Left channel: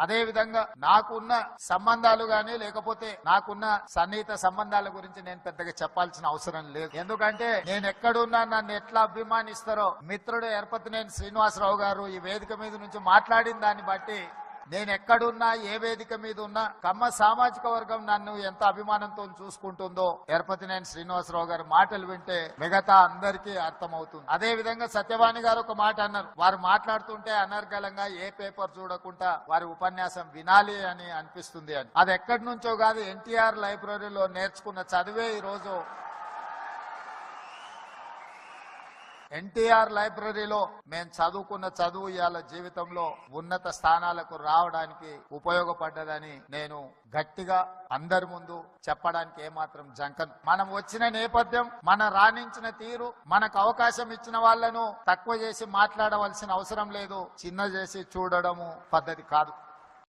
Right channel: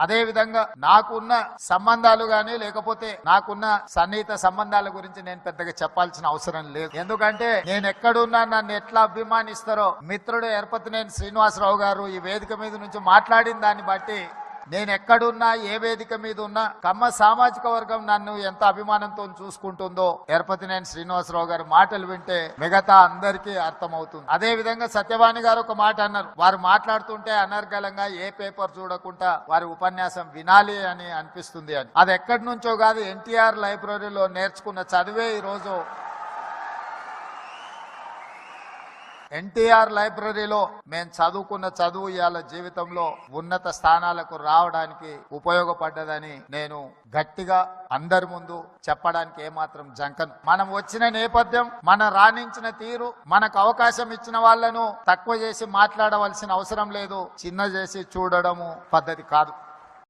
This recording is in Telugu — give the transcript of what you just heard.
అదే విధంగా నాకున్న సంబంధాలు గాని లేకపోతే నాకున్న సన్నిహిత సంబంధాల గురించి నేను పెద్దగా చెప్పాల్సిన అవసరం లేదు. ఎందుకంటే నేను ఎక్కడున్నా నన్ను ఎట్లా అభిమానిస్తారో మిత్రుడు ఎరపతినేని శ్రీనివాసరావు గారు ఈ వేదిక మీద నుంచి మాట్లాడిన దాన్ని బట్టి నేను ఎక్కడున్నా ఏ వేదిక మీద ఉన్నా కమ్మ సామాజిక వర్గం నన్ను ఎంత అభిమానంతో చూసుకుంటుందో ఎరపతినేని శ్రీనివాసరావు గారి మాటలు వింటే మిగతా అందరికీ అర్థమవుతుంది. అదే విధంగా సత్యవాణి గారు ఒక మాట అన్నారు. వారు మాట్లాడుతుంటే అనర్గళంగా ఏ పేపర్ చూడకుండా వారి ఉపన్యాసం వినాలి అని అనిపిస్తుంది అని. అది ఎక్కడి నుంచో కాదు ఎన్టీఆర్ లైబ్రరీలో నేర్చుకున్న చదివే ఈ రోజు ఎన్టీఆర్ లైబ్రరీలో మేము చదువుకున్న చదువు ఇవాళ జీవితంలో ఉన్నత స్థానాలకు రావడానికి ఉపయోగపడ్డదని నేను గట్టిగా అందరి ముందు చెప్పడానికి ఏమాత్రం జంకను. మనం వచ్చిన నేపథ్యం మన రాణించిన తీరు మనకు అవకాశం ఇచ్చిన వాళ్ళను తక్కువ చేసి మాట్లాడవలసిన అవసరం లేదు. చిన్న చేసి చూడడము పద్ధతి కాదు.